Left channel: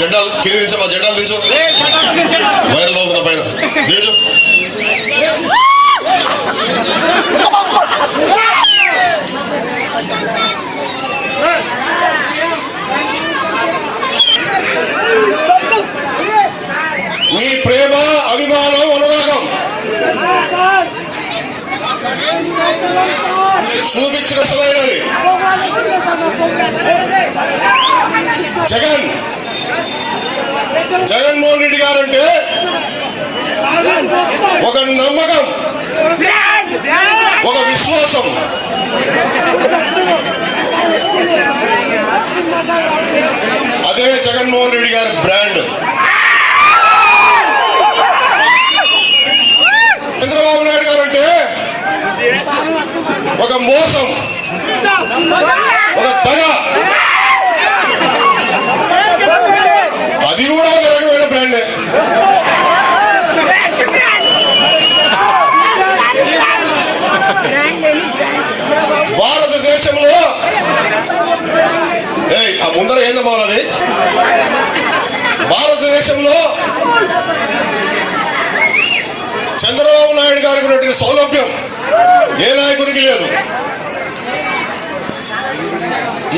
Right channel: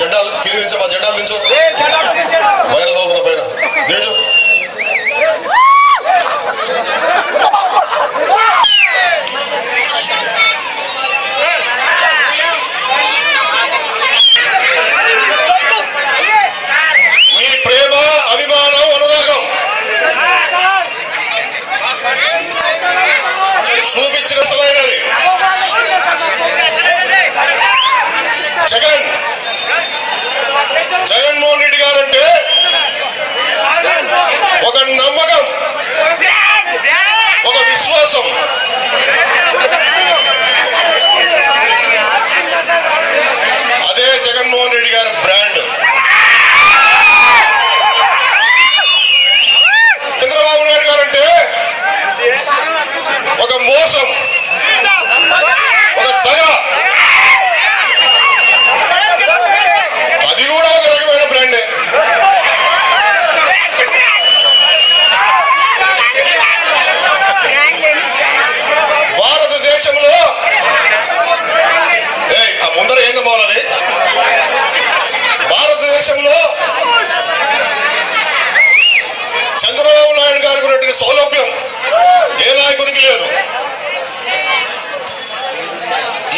జెండాలు కింద నిల్చో మా జెండాలు నిల్చో వైరల్ అవుతున్న పైన. నిల్చో మీ ప్రేమ అభిమానం అనురాగం చూపించిన సరైనది జగన్ జగన్మోహన్ రెడ్డి గారంటే ఒక నమ్మకం ఒక విశ్వాసం. అదే జగన్మోహన్ రెడ్డి గారి బ్రాండ్. చంద్రబాబు నాయుడు గారంటే ఒక మోసం ఒక దగ అది కూడా ఒక రకమైన బ్రాండే భారతదేశంలో ఏయ్, ఆ ముందర ఏందమ్మా అది భారతదేశంలో చంద్రబాబు నాయుడు గారికి ఉన్నటువంటి సౌలభ్యం ఏ నాయకునికి లేదు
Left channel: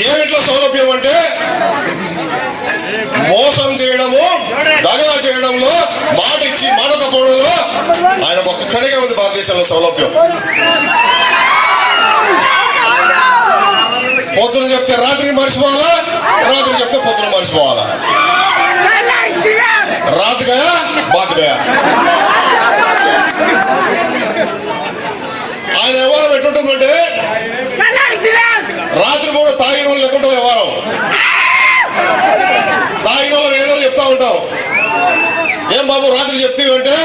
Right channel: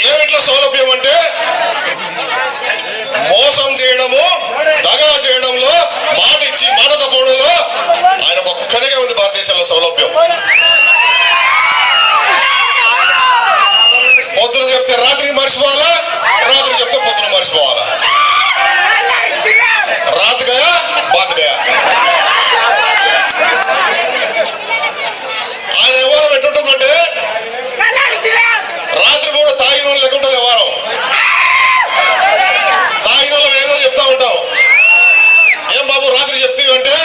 ఏమిట్లా సౌలభ్యం అంటే మోసం చేయడము దగా చేయడంలో మాట ఇచ్చి మాట తప్పడంలో ఆయన ఒక్కడిగా ఉంది భారతదేశంలో సౌలభ్యం. పొద్దున చెప్తే రాత్రికి మర్చిపోవాలా? రాత్రి చెప్తే పొద్దున మర్చిపోవాలా? రాత్ గయా బాత్ గయా ఆయన వ్యవహారం ఎట్లుంటుందంటే రాత్రి కూడా తాగిన వాళ్ళు లెక్క ఉంటుంది వ్యవహారం. తాగిన వాళ్ళు ఏదో చెప్తా ఉంటాం. ఏం బాబు రాత్రి చెప్తీవంటే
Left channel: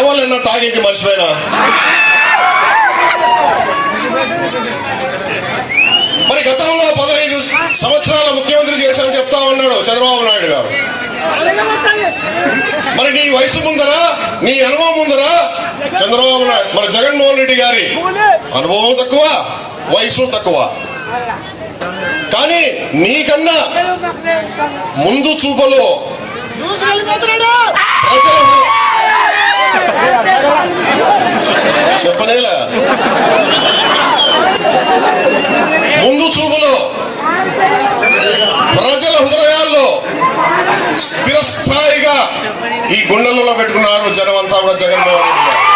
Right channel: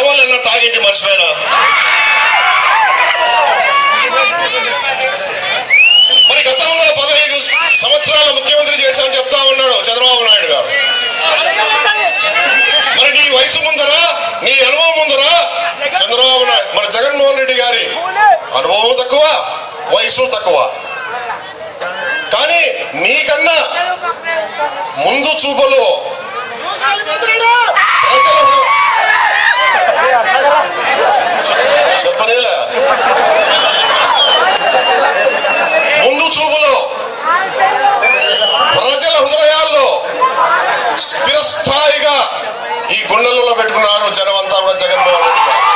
ఎవరు తాగింటి మర్చిపోయినా? మరి గతంలో పదహైదు సంవత్సరాల ముఖ్యమంత్రి చేశానని చెప్తా ఉన్నాడు చంద్రబాబు నాయుడు గారు. మరి నీ వయసు ముందరా నీ అనుభవం ముందరా చంద్రబాబు నాయుడు మరి జగన్మోహన్ రెడ్డి గారి అనుభవం తక్కువ వయసు తక్కువ. కానీ నీకన్నా ముందు చూపులో ప్రజల చెప్పనేలా ముందు చూపులో ప్రజల హృదయాల్లో స్థిరస్థాయిగా ఈ గుండెలలో పెట్టుకున్నారు జనమంతా కూడా జగన్మోహన్ రెడ్డి గారు.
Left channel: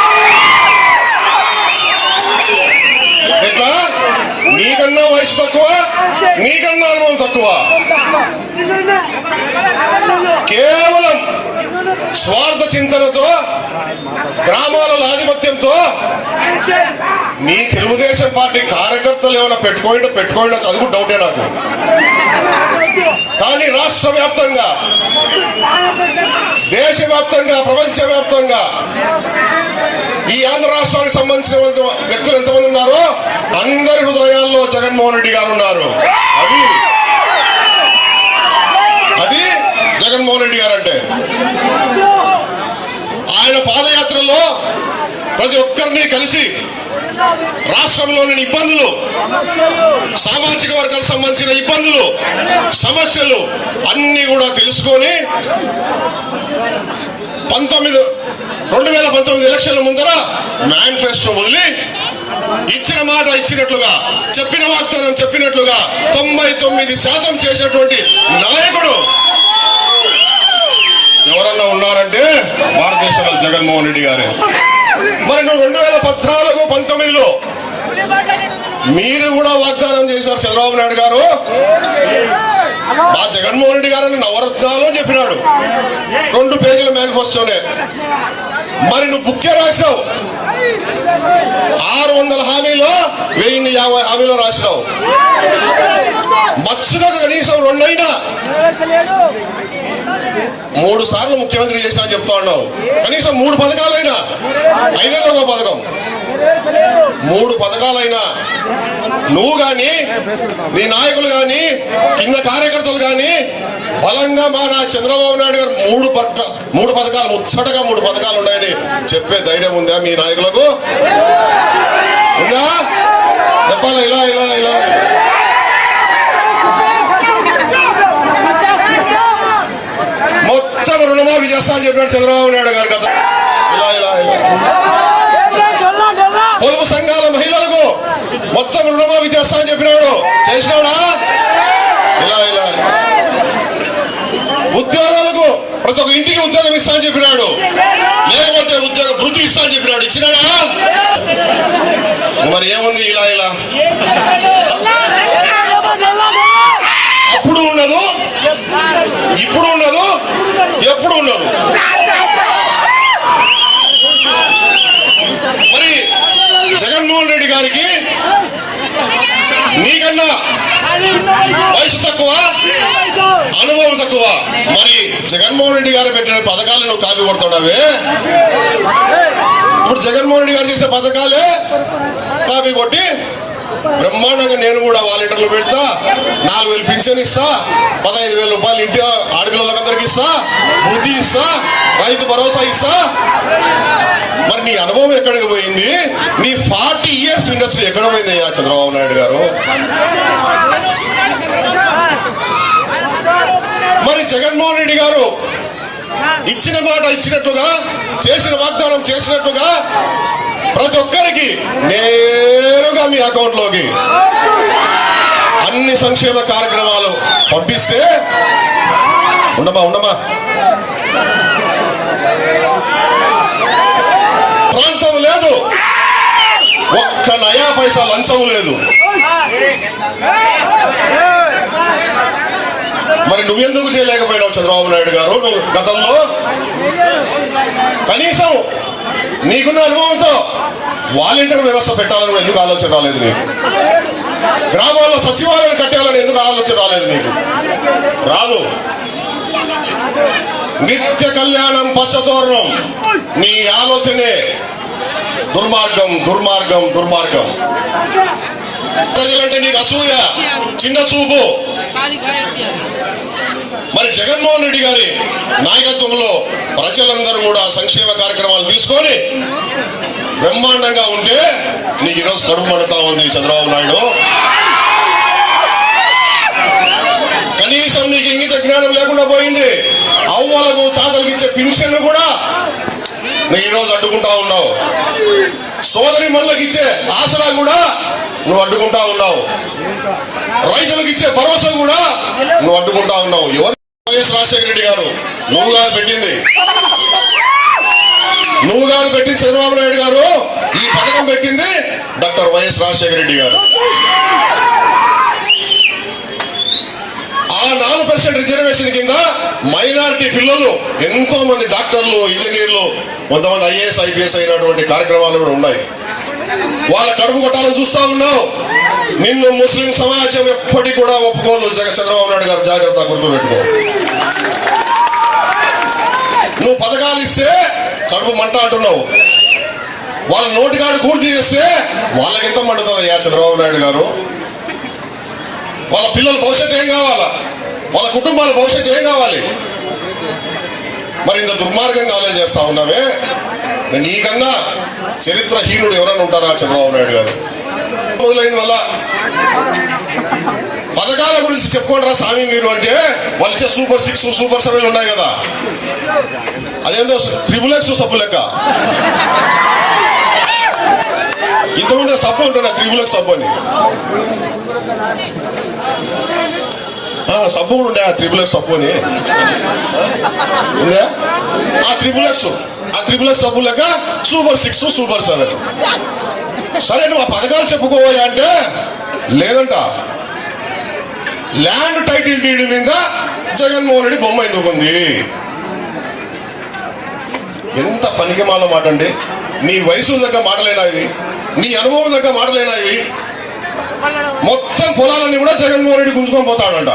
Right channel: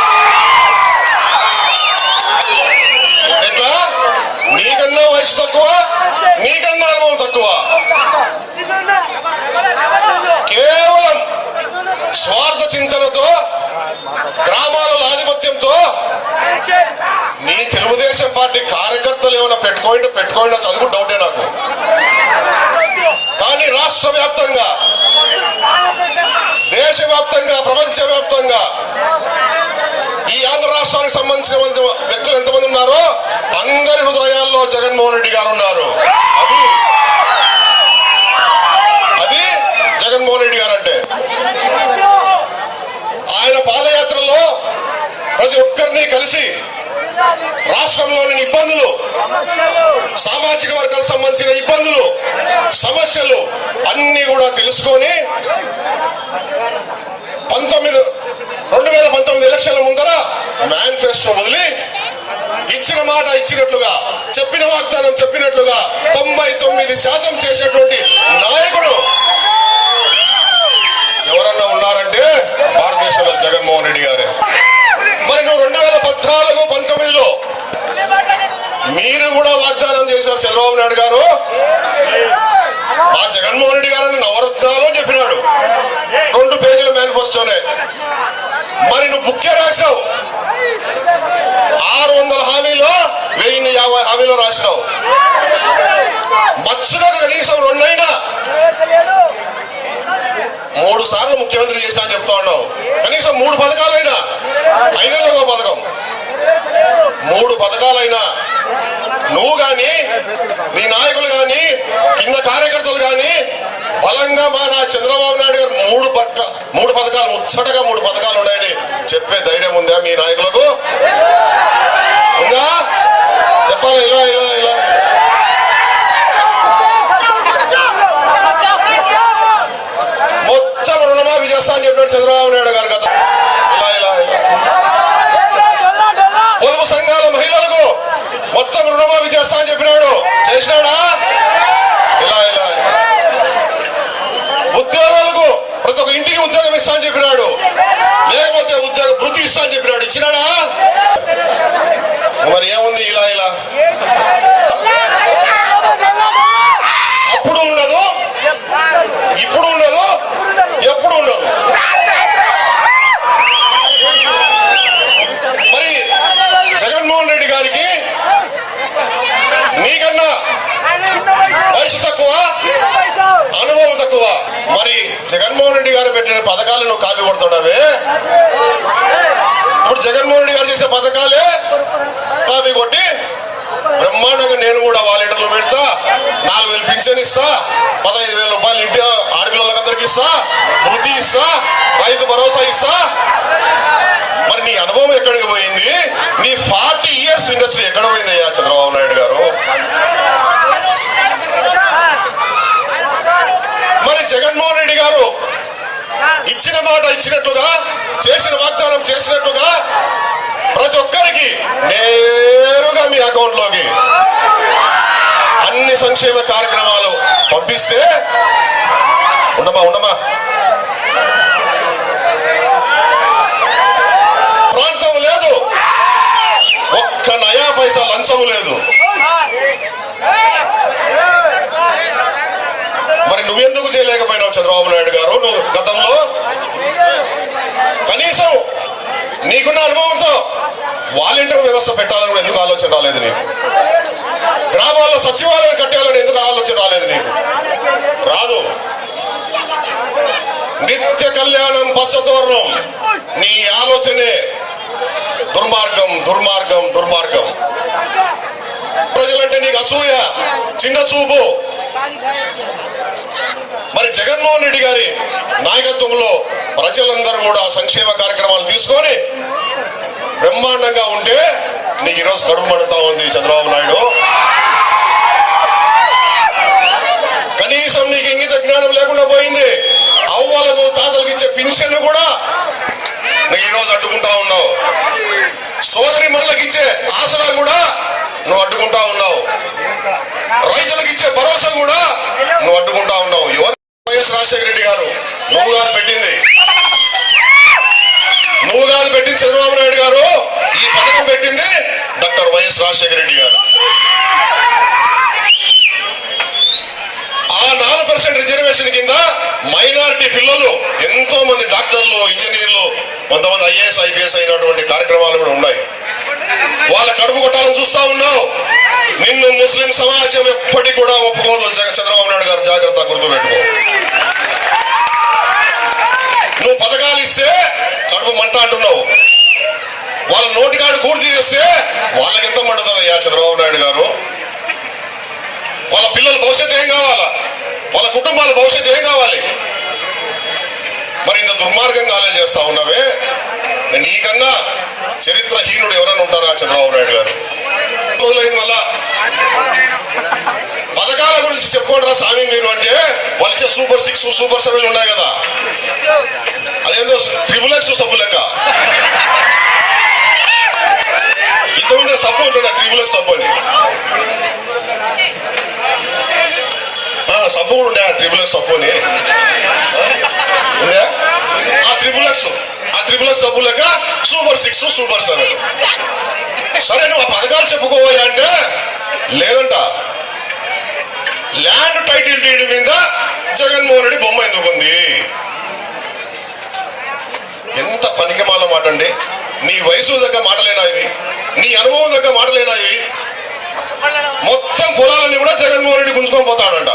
ఎట్లా? నీకన్నా వయసు తక్కువ నీకన్నా అనుభవం తక్కువ కేవలం స్వార్థ చింతనతో గ్రామాలలో ఆధిపత్యంతో నీ తెలుగుదేశం పార్టీ కార్యకర్తలు ఏమైనా పెట్టుకోండి పెట్టుకోండి చదువు డౌటే నాకు. కానీ రాష్ట్ర వ్యాప్తంగా దేశవ్యాప్తంగా ప్రపంచవ్యాప్తంగా ఈ ఆంధ్ర రాష్ట్రానికి సంబంధించిన వ్యక్తులు ఎంతమంది ఉన్నారో అందరి హృదయాల్లో జగన్మోహన్ రెడ్డి గారు ఉన్నారు. అది అది జగన్మోహన్ రెడ్డి గారు అంటే ఆయన పాదయాత్రలో ప్రతి ఒక్కరిని కలిసి రాష్ట్రంలోని ఇబ్బందులు సామాజిక వర్గాలకు సంబంధించిన ఇబ్బందులు సమస్యలు అన్ని కూడా తెలుసుకొని పంతొమ్మిది రెండు వేల పంతొమ్మిది ఎలక్షన్ల ముందర మేనిఫెస్టో వదిలి ఇచ్చిన మాట ఇచ్చినట్లుగా చెప్పిన వాగ్దానం చెప్పినట్లుగా తొంభై తొమ్మిది శాతం చేసినటువంటి నాయకుడు ఎవరన్నా ఉన్నారంటే భారతదేశంలో జగన్మోహన్ రెడ్డి గారే మరి నువ్వు రెండు వేల పద్నాలుగు పంతొమ్మిదిలో మీరు కూడా వాగ్దానం చేశారు చంద్రబాబు నాయుడు గారు. మా జగన్మోహన్ రెడ్డి గారని నవరత్నాలు చెప్పినాడు. రెండు పేజీల మేనిఫెస్టోనే. మరి నువ్వు బుక్కే రాసినావు. ఆరు వందల హామీలో వెయ్యి యాభై హామీలో రాసినావు. మత్స్యగా కనీసం రెండైనా. మూడు సార్లు ముఖ్యమంత్రి చేసినా చెప్తా ఉన్నావు. కనీసం మూడు పథకాలైనా. ఐదేళ్ళ పథకం. మూడు పథకాలైనా. నువ్వు గాని నీ నాయకులు గాని కింద కార్యకర్తలు గాని బలంగా మా నా చంద్రబాబు నాయుడు గారు మూడు పథక మూడు పథకాలు ముచ్చటగా మూడు పథకాలు ఉన్నాయని చెప్పే ధైర్యం ఉందా మీ నాయకులకు? ఉందా? చెప్పాలా? ఇలా ఇలా ఇలా. అని చెప్పాడు చంద్రబాబు నాయుడు గారు కదా. ఇలా ఇలా ఇలా. పొదుపు సంఘాల మహిళలకు మొత్తం రుణమాఫీ చేస్తా అని చెప్పినాడు. చేసినాడా? ఇలా ఇలా ఉద్యోగాలకు ప్రతి ఒక్క ఇంటికి ఉద్యోగం ఇస్తా అని చెప్పినాడు. లేకపోతే ఉద్యోగ వృత్తి ఇస్తా అని చెప్పినాడు. ఇచ్చినాడా? మరి ఏముంది ఇలా ఇలా? అప్పుడు ఉండదు ఇప్పుడు ఉండదు ఎప్పుడు ఉండదు మరి జగన్మోహన్ రెడ్డి గారికి నీకన్నా వయసు తక్కువ అనుభవం తక్కువ మరి జగన్మోహన్ రెడ్డి గారు పెట్టిన పథకాలు నువ్వు కాపీ కొడుతున్నావే? ఇప్పుడు జగన్మోహన్ రెడ్డి గారు చేసే పథకాలే కాపీ కొట్టి బ్రహ్మాండంగా నేను కూడా వాలంటీర్లు పెడతా నాలుగు వేలు పింఛన్ ఇస్తా పదహైదు వేల రూపాయలు ఇంటి ఆడపిల్లలకు అందరికి ఇస్తా వృద్ధి ఇస్తా రైతు భరోసా ఇస్తా. మరి నీ అనుభవం ఎక్కడికి పోయింది? నీ ఫార్టీ ఇయర్స్ ఇండస్ట్రీ ఎక్కడ పోయిందయ్యా చంద్రబాబు నాయుడు గారు? మరి జగన్మోహన్ రెడ్డి గారు ఇచ్చిన మాట ఇచ్చినట్టుగా చేసిన వాగ్దానం చేసినట్టుగా ప్రతి ఒక్కరికి నేరుగా మీ అకౌంట్లోకి అన్ని సంక్షేమ కార్యక్రమాలు పంపిస్తే ఉండమా ఉండమా ప్రాంతం లేదు. ఒక్క నయా పైసా లంచము లేదు. మరి నువ్వెందుకు చేయలేకపోయినావు చంద్రబాబు నాయుడు గారు? నువ్వు గతంలో కనీసం నీకున్న అనుభవంతో వాలంటీర్ వ్యవస్థ పెట్టాలని కూడా ఎందుకు ఆలోచన రాలేదు నీకు? గ్రామాల్లో సచివాలయాలు కట్టాలని ఎందుకు ఆలోచన రాలేదు నీకు? రాదు. నిత్య కళ్యాణం పచ్చతోరణం. నీ ఆలోచనే దుర్మార్గం దుర్మార్గం దుర్మార్గం. ప్రజలంటే నీకు అసూయ చిన్న చూపు. మరి జగన్మోహన్ రెడ్డి గారి నాయకత్వంలో ప్రజలందరూ కూడా సంక్షేమ కార్యక్రమాలు తీసుకొని బ్రహ్మాండంగా ఉంటే నీకు ఈరోజు కడుపు మండుతా ఉంది చంద్రబాబు నాయుడు. కనీసం నీకు ఇంగిత జ్ఞానం లేకుండా పోయింది. అవ్వలకు తాతలకు ఇచ్చే పెన్షన్ కూడా నువ్వు ఈరోజు అడ్డుకుంటా ఉన్నావు. సోదరి మనులకు ఇచ్చే ఆసరా కూడా నువ్వు అడ్డుకుంటా ఉన్నావు. రైతులకు ఇచ్చే భరోసా కూడా నువ్వు అడ్డుకుంటా ఉన్నావు. ఎవరు వైఎస్ రాజశేఖర రెడ్డి గారు నువ్వు కాదు పెట్టింది. నువ్వు కాదు పెట్టింది చంద్రబాబు నాయుడు గారు ఈ పథకం పెట్టింది డాక్టర్ వైఎస్ రాజశేఖర రెడ్డి గారు. ఆ నాలుగు పర్సెంట్ రిజర్వేషన్ కింద మైనారిటీ పిల్లలు ఎంతో మంది డాక్టర్లు ఇంజనీర్లు కొంతమంది ఐఏఎస్ ఐపీఎస్ అయినటువంటి కార్యక్రమాలు కూడా ఉన్నాయి. వాళ్ళ కడుపు కొట్టాలని చూస్తా ఉన్నావు. నిన్ను ముస్లిం సమాజం ఎప్పటికి కూడా ఒప్పుకోదు చంద్రబాబు నాయుడు గారు. జాగ్రత్త గుర్తుపెట్టుకో. నువ్వు పథకాలు ఇస్తే కడుపు మంట అంటున్నావు. వాళ్ళ నోటికాడు కూడి చేస్తే వాళ్ళకి ఎంత మండుతుందయ్యా చంద్రబాబు నాయుడు గారు? వాళ్ళ పిల్లల భవిష్యత్తు ఏం కావాలా? వాళ్ళ కుటుంబాల భవిష్యత్తు ఏం కావాలి? మరి ఇంత దుర్మార్గంగా ఆలోచన చేస్తా ఉన్నావే? నీకన్నా చరిత్రహీనుడు ఎవరైనా ఉంటారా చంద్రబాబు నాయుడు గారు? మొదలైంది వల్ల పథకాల గురించి చెప్పుకోండి రా స్వామి మీరు అంటే వాళ్ళు ఇచ్చే సూపర్ సిక్స్ సూపర్ సెవెన్ ఉన్నాయి కదా. అదేందో త్రిబుల్ ఎక్స్ సబ్బు లెక్క. ఇంతకుముందు సబ్బు ఉంటుండే త్రిబుల్ ఎక్స్ సబ్బు అని. సబ్బు కూడా ఉండే ఆ త్రిబుల్ ఎక్స్ సబ్బు అని. ఉందా? ఆ త్రిబుల్ ఎక్స్ ఆ త్రిబుల్ ఎక్స్ సబ్బు లెక్క సూపర్ సిక్స్ సూపర్ సెవెన్ సరే నువ్వు ఆ పథకాలు చెప్పుకోవాలి అంటే లేదంట. ల్యాండ్ టైటిల్ డీడ్ మీద జగన్మోహన్ రెడ్డి బొమ్మ ఎందుకు ఉంది ఎంత పనికిమాల మాట అండి నీ వయసు దగ్గర మాటలేనా ఇవి? నీ అనుభవం దగ్గర మాటలేనా ఇవి? మొత్తం పొలాలన్నీ కూడా జగన్మోహన్ రెడ్డి గుంజుకొని పోతాడంట.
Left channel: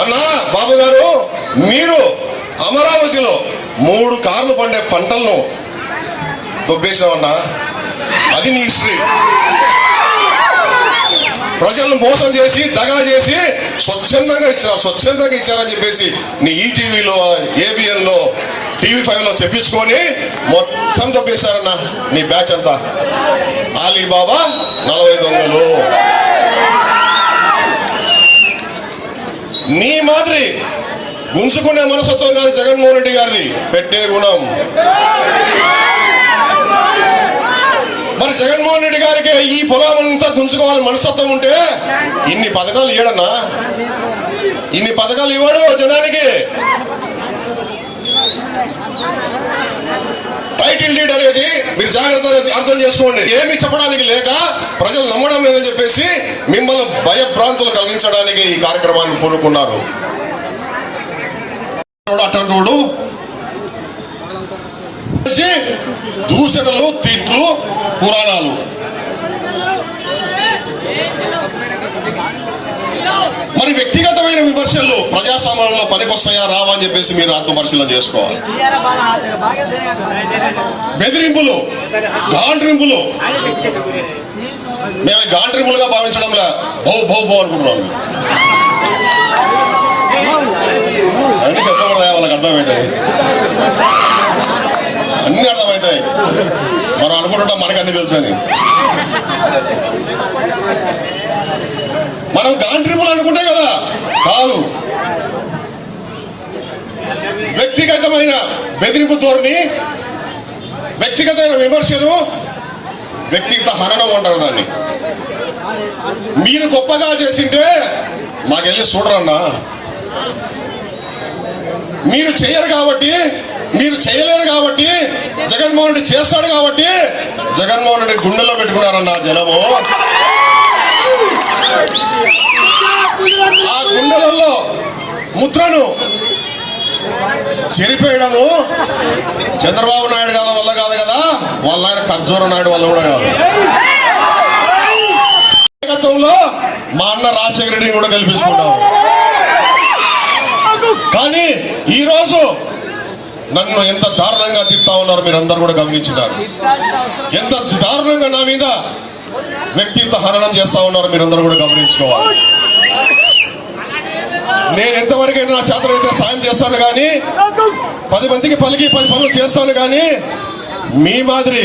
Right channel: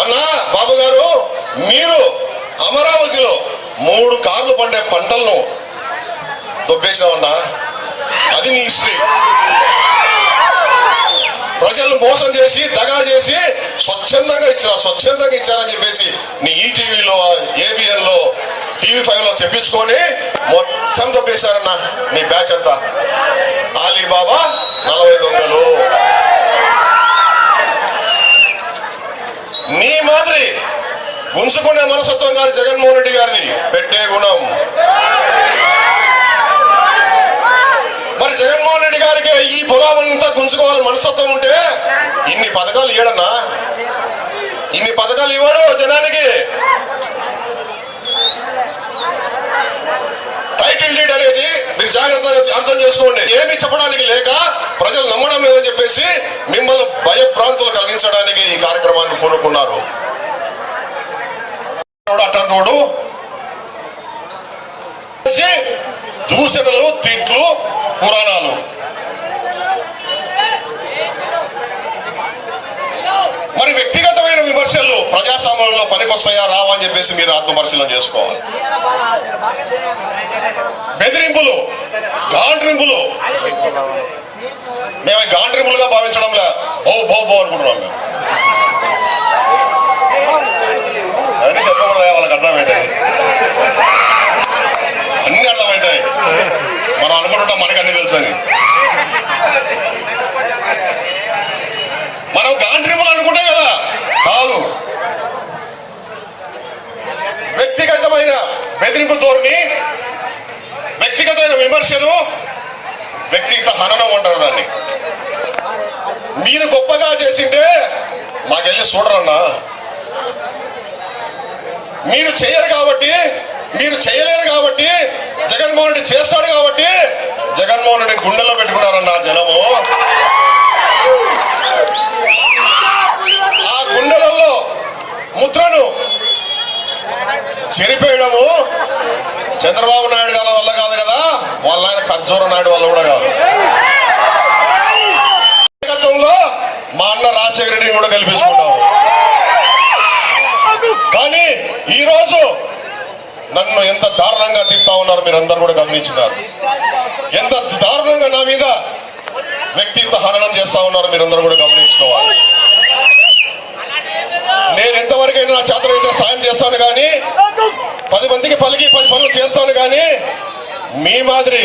అన్నా బాబు గారు మీరు అమరావతిలో మూడు కార్లు పండే పంటలను దొబ్బేసినావన్నా అది నీ హిస్టరీ ప్రజలను మోసం చేసి దగా చేసి స్వచ్ఛందంగా ఇచ్చారు స్వచ్ఛందంగా ఇచ్చారని చెప్పేసి నీ ఈటీవీలో ఏబిఎన్లో టీవీ ఫైవ్లో చెప్పించుకొని మొత్తం తప్పేశారన్న నీ బ్యాచ్ అంతా. ఆలీబాబా నలభై దొంగలు. నీ మాదిరి గుంజుకునే మనసత్వం కాదు జగన్మోహన్ రెడ్డి గారిది. పెట్టే గుణం. మరి జగన్మోహన్ రెడ్డి గారికి ఈ పొలం అంతా గుంజుకోవాలి మనస్తత్వం ఉంటే ఇన్ని పథకాలు ఇవ్వడన్నా ఇన్ని పథకాలు ఇవ్వడు జనానికి? టైటిల్ డీడ్ అనేది మీరు జాగ్రత్తగా అర్థం చేసుకోండి. ఏమి చెప్పడానికి లేక ప్రజలు నమ్మడం లేదని చెప్పేసి మిమ్మల్ని భయభ్రాంతులు కలిగించడానికి ఈ కార్యక్రమాన్ని పూనుకున్నారు. అట్టంటోడు దూషణలు తిట్లు పురాణాలు. మరి వ్యక్తిగతమైన విమర్శలు ప్రజాస్వామ్యంలో పనికొస్తాయా రావా అని చెప్పేసి మీరు ఆత్మపరిశీలన చేసుకోవాలి. బెదిరింపులు గాండ్రింపులు. మేము గాండ్రింపులుగా భావించడంలే. బౌ బౌ బౌ అనుకుంటున్నాం మేము. అన్ని చెప్పకూడదా? వాళ్ళకి అర్థమైంది. అన్ని అర్థమవుతాయి. మనం అనుకుంటుంటాం మనకు అన్ని తెలుసు అని. మనం గాండ్రింపులు అనుకుంటాం కదా? కాదు. వ్యక్తిగతమైన బెదిరింపు ధోరణి వ్యక్తిగతమైన విమర్శలు వ్యక్తిగత హననం అంటారు దాన్ని. మీరు గొప్పగా చేసింటే మాకెళ్ళి చూడరన్నా. మీరు చేయరు కాబట్టి మీరు చేయలేరు కాబట్టి జగన్మోహన్ రెడ్డి చేస్తాడు కాబట్టి జగన్మోహన్ రెడ్డి గుండెల్లో పెట్టుకున్నారన్న జనము. ఆ గుండెలలో ముద్రను చెరిపేయడము చంద్రబాబు నాయుడు గారి వల్ల కాదు కదా వాళ్ళ ఆయన ఖర్జూర నాయుడు వల్ల కూడా కాదు. నాయకత్వంలో మా అన్న రాజశేఖర రెడ్డిని కూడా గెలిపించుకుంటాము కానీ ఈరోజు నన్ను ఎంత దారుణంగా తిప్పుతా ఉన్నారు మీరందరూ కూడా గమనించినారు. ఎంత దారుణంగా నా మీద వ్యక్తిత్వ హననం చేస్తా ఉన్నారు మీరందరూ కూడా గమనించుకోవాలి నేను ఎంతవరకైనా నా చేతనైతే సాయం చేస్తాను కానీ పది మందికి పలికి పది పనులు చేస్తాను కానీ మీ మాదిరి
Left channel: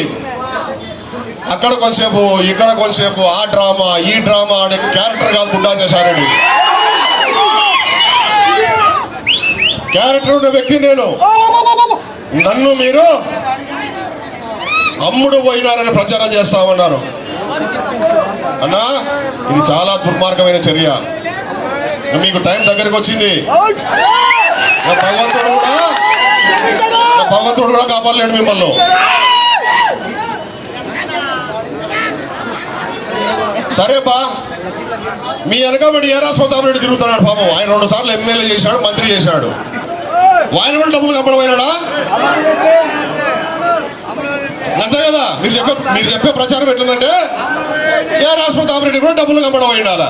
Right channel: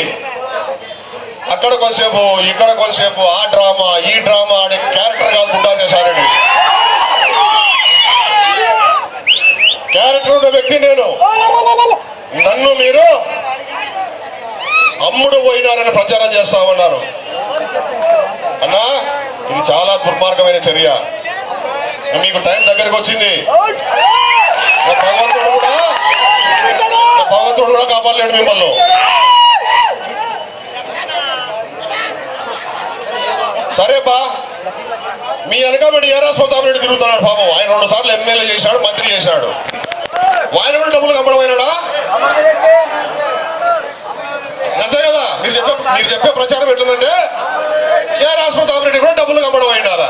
అక్కడ కొంచెంసేపు ఇక్కడ కొంచెంసేపు ఆ డ్రామా ఈ డ్రామా అనే క్యారెక్టర్ కాదు గుండా చేశారండి క్యారెక్టర్ ఉన్న వ్యక్తి నేను. నన్ను మీరు అమ్ముడు పోయినారని ప్రచారం చేస్తా ఉన్నారు. అన్నా ఇది చాలా దుర్మార్గమైన చర్య. మీకు టైం దగ్గరకు వచ్చింది. భగవంతుడు కూడా భగవంతుడు కూడా కాపాడలేడు మిమ్మల్ని. సరే బా మీ వెనకబడి ఏ రాష్ట్రపతి రెడ్డి తిరుగుతున్నాడు పాపం? ఆయన రెండు సార్లు ఎమ్మెల్యే చేశాడు మంత్రి చేశాడు. వాయిన కూడా డబ్బులు కప్పడమైనాడా అంతే కదా. మీరు చెప్పే మీరు చెప్పే ప్రచారం ఎట్లుందంటే ఏ రాష్ట్రపతి రెడ్డి కూడా డబ్బులు కప్పడం అయినారా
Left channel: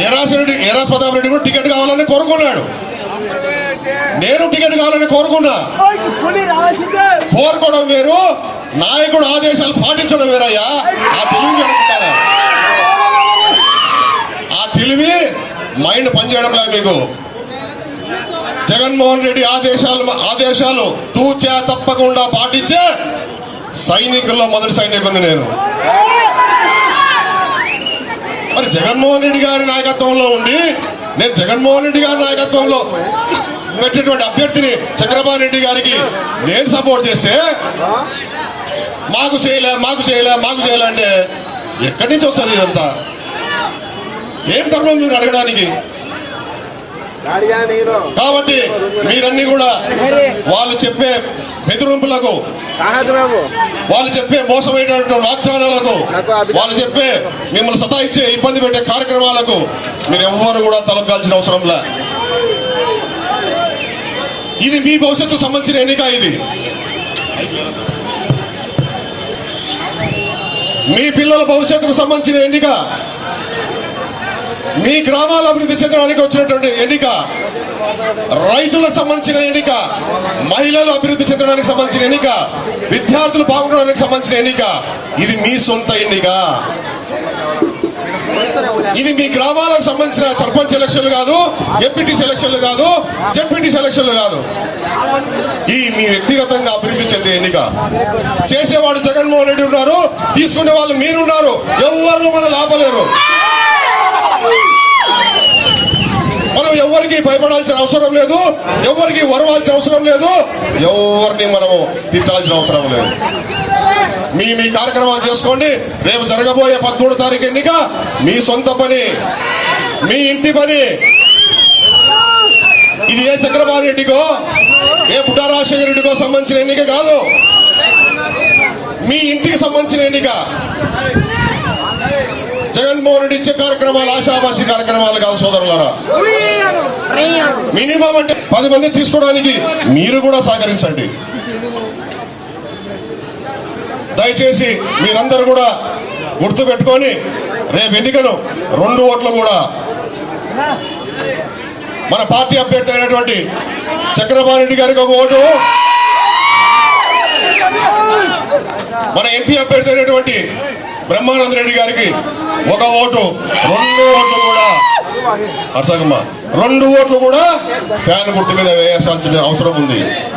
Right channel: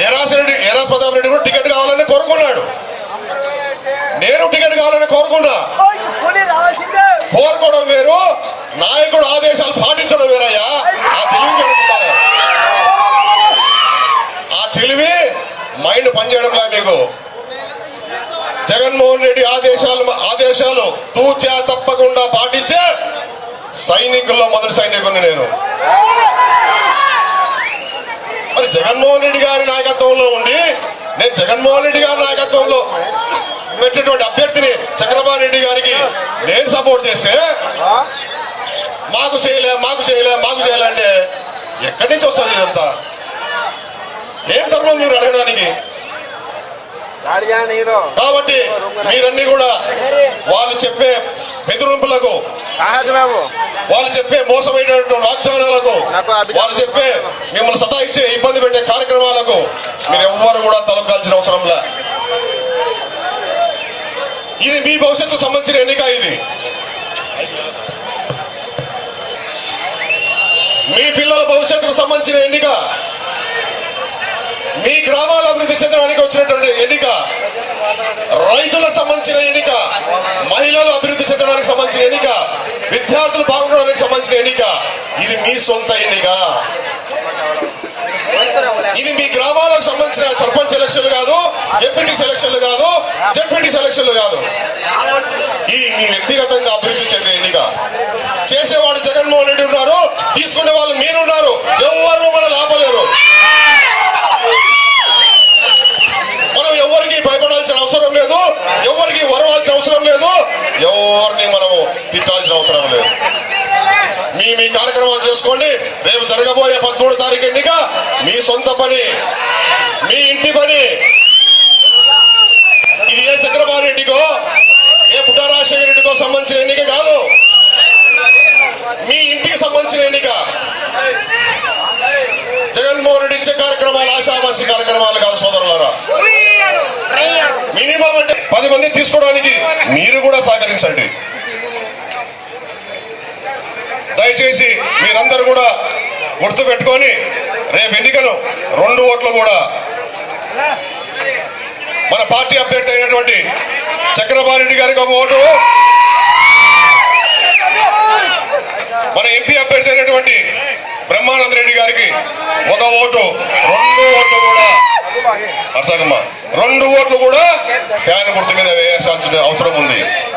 ఏ రాసిరెడ్డి ఏ రాష్ట్రపతి రెడ్డి కూడా టికెట్ కావాలని కోరుకున్నాడు. నేను టికెట్ కావాలని కోరుకున్నా. కోరుకోవడం వేరు. నాయకుడు ఆదేశాలు పాటించడం వేరయ్యా. ఆ తెలివి అనుకుంటారా ఆ తెలివి మైండ్ పనిచేయడంలా మీకు. జగన్మోహన్ రెడ్డి ఆదేశాలు ఆదేశాలు తూచా తప్పకుండా పాటించే సైనికుల్లో మొదటి సైనికుని నేను. మరి జగన్మోహన్ రెడ్డి గారి నాయకత్వంలో ఉండి నేను జగన్మోహన్ రెడ్డి గారి నాయకత్వంలో పెట్టినటువంటి అభ్యర్థిని చంద్రబాబు రెడ్డి గారికి నేను సపోర్ట్ చేస్తే మాకు చేయలే మాకు చేయలే మాకు చేయలే అంటే ఎక్కడి నుంచి వస్తుంది ఇదంతా? ఏం ధర్మం మీరు అడగడానికి? కాబట్టి మీరన్నీ కూడా వాళ్ళు చెప్పే బెదిరింపులకు వాళ్ళు చెప్పే మోసమైనటువంటి వాగ్దానాలకు వాళ్ళు చెప్పే మిమ్మల్ని సతాయిచ్చే ఇబ్బంది పెట్టే కార్యక్రమాలకు మీరు ఎవ్వరు కూడా తలకాల్సిన అవసరం లే. ఇది మీ భవిష్యత్తు సంబంధించిన ఎన్నిక ఇది. మీ పిల్లల భవిష్యత్తుకు సంబంధించిన ఎన్నిక. మీ గ్రామాల అభివృద్ధి చెందడానికి వచ్చినటువంటి ఎన్నిక రైతులకు సంబంధించిన ఎన్నిక మహిళలు అభివృద్ధి చెందడానికి సంబంధించిన ఎన్నిక విద్యార్థులు బాగుండడానికి సంబంధించిన ఎన్నిక ఇది మీ సొంత ఎన్నిక. ఇది మీ గ్రామాలకు సంబంధించిన సర్పంచ్ ఎలక్షన్లు కాదు ఎంపీటీ సెలక్షన్లు కాదు జడ్పీటీ సెలక్షన్లు కాదు. ఈ మీ వ్యక్తిగతంగా అభివృద్ధి చెందే ఎన్నిక. చేసేవాడు జగన్మోహన్ రెడ్డి ఉన్నారు తీసుకునే వాళ్ళు మీరున్నారు ఎవరు మన లాభలేరు మనం ఎవరికి భయపడాల్సిన అవసరం లేదు. ఎవరికి వరవాల్సిన అవసరం లేదు. ఎవరిని మనము తిట్టాల్సిన అవసరం లేదు. మీ మీ కార్యక్రమాలు చేసుకోండి. రేపు జరగబోయే పదమూడు తారీఖు ఎన్నిక. మీ సొంత పని మీ ఇంటి పని. ఇది ఏ చక్రపాణి రెడ్డికో ఏ పుట్టారాజశేఖర రెడ్డికో సంబంధించిన ఎన్నిక కాదు. మీ ఇంటికి సంబంధించిన ఎన్నిక. రెడ్డి ఇచ్చే కార్యక్రమాలు ఆశాభాషి కార్యక్రమాలు కాదు సోదరులారా. మినిమం అంటే పది మంది తీసుకోవడానికి మీరు కూడా సహకరించండి. దయచేసి మీరందరూ కూడా గుర్తు పెట్టుకొని రేపు ఎన్నికను రెండు ఓట్లు కూడా మన పార్టీ అభ్యర్థి అయినటువంటి చక్రపాణి రెడ్డి గారికి ఒక ఓటు. మన ఎంపీ అభ్యర్థి అయినటువంటి బ్రహ్మానంద రెడ్డి గారికి ఒక ఓటు రెండు ఓట్లు కూడా. అర్సగమ్మ రెండు ఓట్లు కూడా ఫ్యాన్ గుర్తు మీద వేయాల్సిన అవసరం ఉంది.